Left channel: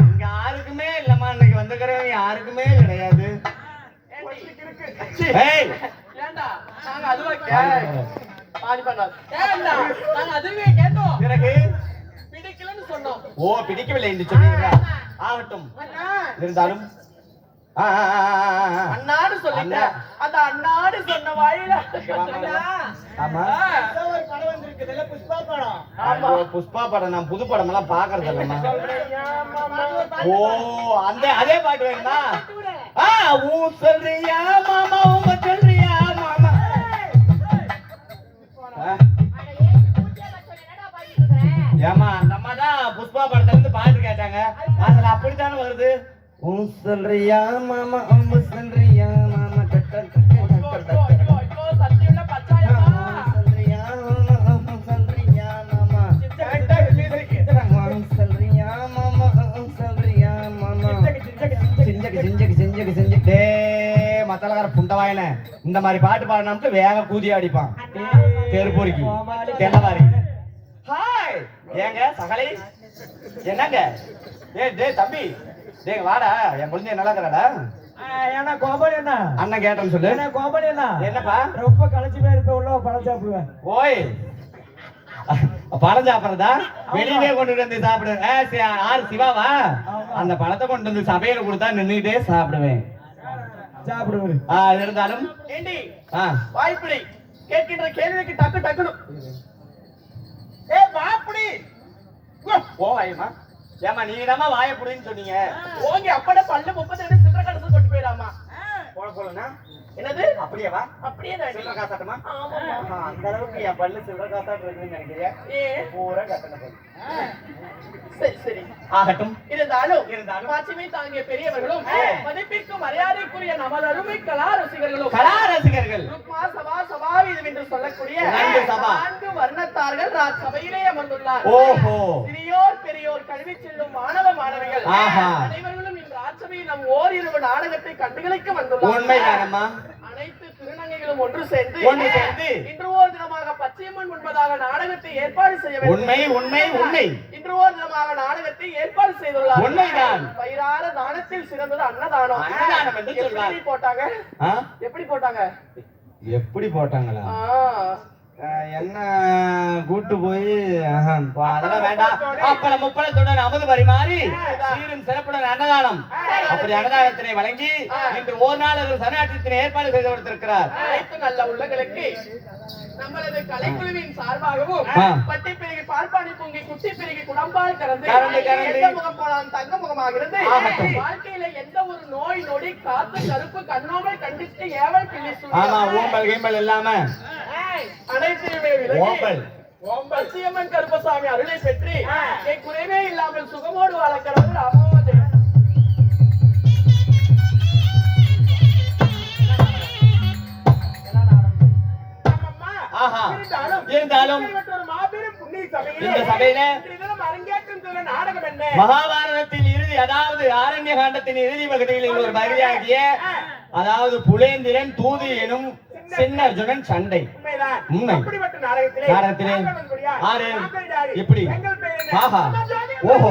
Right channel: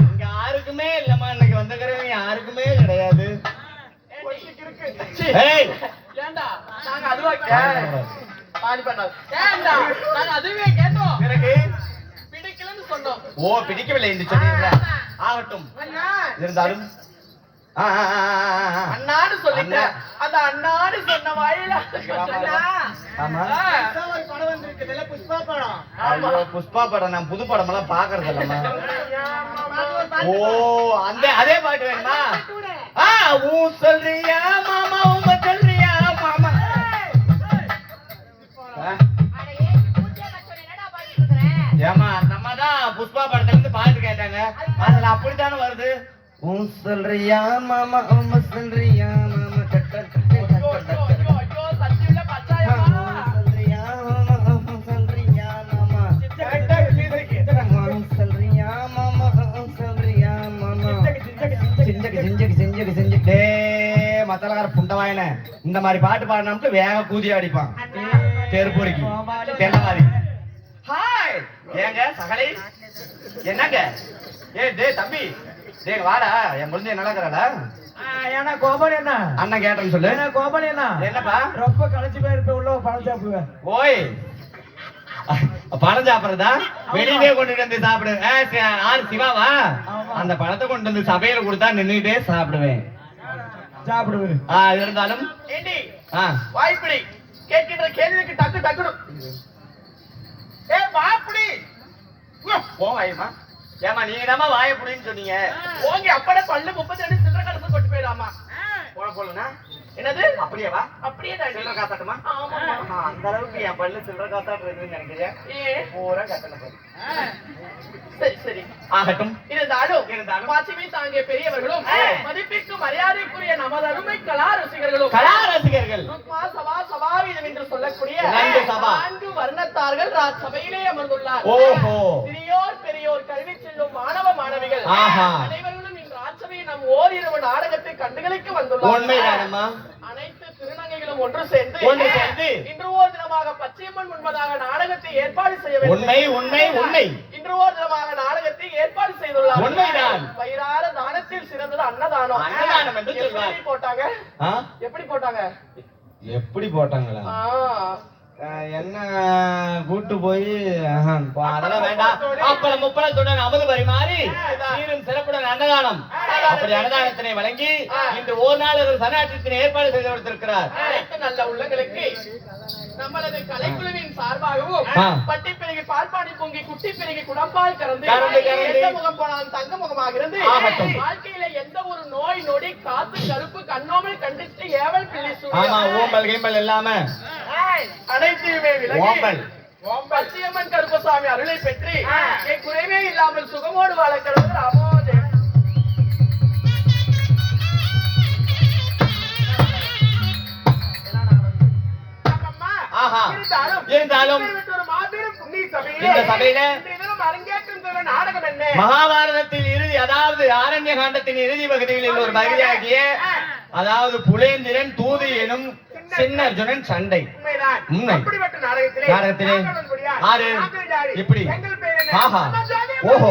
இங்க யாருக்குமே இல்லம்மா இன்னைக்கு வந்திருக்கிறவங்க யாருக்குமே கிடையாது. ஓ பிடிக்கவில்லை என்று ஆகட்டும். இருந்தாலும். அண்ணாடு சொல்லிட்டேன். அந்த அண்ணாடு சொன்ன வாயில. புஷ்பா படம். ஐயோ, புஷ்பா படம் நான் புது படம் எல்லாம் பாக்குறது இல்லம்மா மாமா. ஓ அந்த அதே பாட்டு வேணுமா? ஆ ஊ சொல்றியா மாமா உங்க சொல்றியா மாமா. ஏம்மா அந்த அம்மா தான் புஷ்பா படத்துல இருந்து பாட்டு கேட்டாங்க. அதுல அப்படித்தானே வருது? ஊ சொல்றியா மாமா உங்க சொல்றியா? சிஞ்சக்கு சிஞ்சக்கு சிஞ்சக்கு சிஞ்சக்கு. டே மத்தலகார புண்டவாயன. இந்த மாதிரி பாட்டு பாடினோம்ட்டு வேக கூதி அடிப்பான். தெருப்பொறிக்கு. தென்னவாரி ஹாய் ஏங்க சகலை? என்னங்க? ஏ டே தம்பி. டே வாடா. என் பொழுது நல்லா இருக்கிறாடா ஏன்னா கோபால் என்ன? அண்ணன் கேட்டேன்னு சொல்லு. ஏன்னா கோபால் என்ன? என்னப்பா? ரொம்ப களைச்சு போயிருப்ப உள்ள பழம் சாப்பிடுவேன். ஓய். பழம் சாப்பிடுறதா வெளியிலே கொண்டு வந்து சாப்பிடு. ஆ, சி- ஆறு சிவாவா? அந்த பழத்தை கொண்டு வந்து சபையில கொடுத்தா நின்னுட்டே சாப்பிடுவேன். சாப்பிடுவேன் ஆ, இருந்தாலும் வாய்ப்பிடி. கேட்கின்ற கேள்விக்கு டக்கு டக்குனு. ஏ வாப்படி போவாயுமா ஏமா நீங்க தாமா வாய புடின்னு சொன்னீங்க? ஓங்கி அப்படே பல்லு முப்பத்தி ரெண்டு சில்லற கலசம் கொண்டு போயிடாமா போன போலனா என்னது? அப்படியே வா அப்படியே தான் சில்லற காசாட்டமா ஆமா. ஆ, அந்த அளவுக்கு என் பல்லு சில்லற காசாட்டு இருக்குன்னு நினைக்கிறியா? ஏ. பூரா கட்டண பல்லு. சரி சரி. ஆகட்டும். இருந்தாலும் இருந்தாலும். மாட்சிமை தாங்கிய பெரியவர்களும் ஆ. மதிப்பிற்கும் மரியாதைக்குரிய நமது அருமை கலா ரசிகர்களும் கலா ரசிகர்கள் ஆத்மா சபா சபாவிதம் என்று சொல்லக்கூடிய நான்கு வர்ணத்தார்கள் சபையிலே அமர்ந்துள்ளார். ஓஹோ. பெரியோர் கல்வி செல்லும் மாணவ மாணவிகள். ஓரிரவு நாடகத்தை கண்டுகளிக்க வந்துள்ளார் உண்மைதானம்மா அனைத்து திருநங்கைகளும் ஒன்று சேர்ந்து ஒன்று சேர்ந்து. இன்று ஓர் தினமாக பச்சையம்மன் முன்பதாக நாடகத்தை ஏற்பாடு செய்ய வேண்டும். உண்மை உண்மை உண்மை. இன்று ஓர் தினமாக நாடகத்தை ஏற்பாடு செய்துள்ளார் உண்மைதான். வயிறார தானத்தில் சிறந்தது அன்னதானம். அன்னதானம் என்று. எப்படி போட்டாங்க? எப்படி போட்டாங்க? எப்படி போட்டாங்களா? என்ன கூட்டு போய் அதெல்லாம் வேண்டாம். அப்பளம் முப்பளத்துடன் அமுது பரிமாறி சீரும் சிறப்புடன் அன்னதானம். அப்படி அன்னதானத்தினை வழங்கி இன்று ஒரு நாள் ஒரு சனாட்சத்தினை ஏற்பாடு செய்து கொடுத்திருக்கிறார் அனைத்து நல்ல உள்ளங்களுக்கு நம்மளது கலைக்குழுவின் சார்பாகவும் ஆ. பட்டி பெருகி பால்பாணி பொங்கி குட்டி பெருகி குடம்பால் கறந்து கறந்து, கறந்து. எந்த முகம் போனாலும் தங்க முகமாக இருந்து ஆகட்டும். வாழ்க்கையில எந்த ஒரு நோய் நொடி காத்து கருப்பு கண்ணோமை கண்டித்து ஏவல் பிள்ளை ஆமா ஓம்பல் கீம்பல் இல்லாம அனைத்தையுமே ஓம்பல். விலகி பச்சையம்மன் கருப்பசாமி அருளை பெற்று என் குறைவே இல்லாமல் சுகமோடு வாழ இருந்தாலும் இந்த சபையில மகாபாரதத்தில் இறுதி அதாவது ஆரண்ய காண்டத்தின் இறுதி பகுதிகளில் ஒரு பகுதியாகிய அதாவது புலேந்திரன் தூது எனும் சின்னர்ஜுனன் சண்டை. நாடகத்திலே ஆறு? என்ன? ஆஹா. ஓஹோ.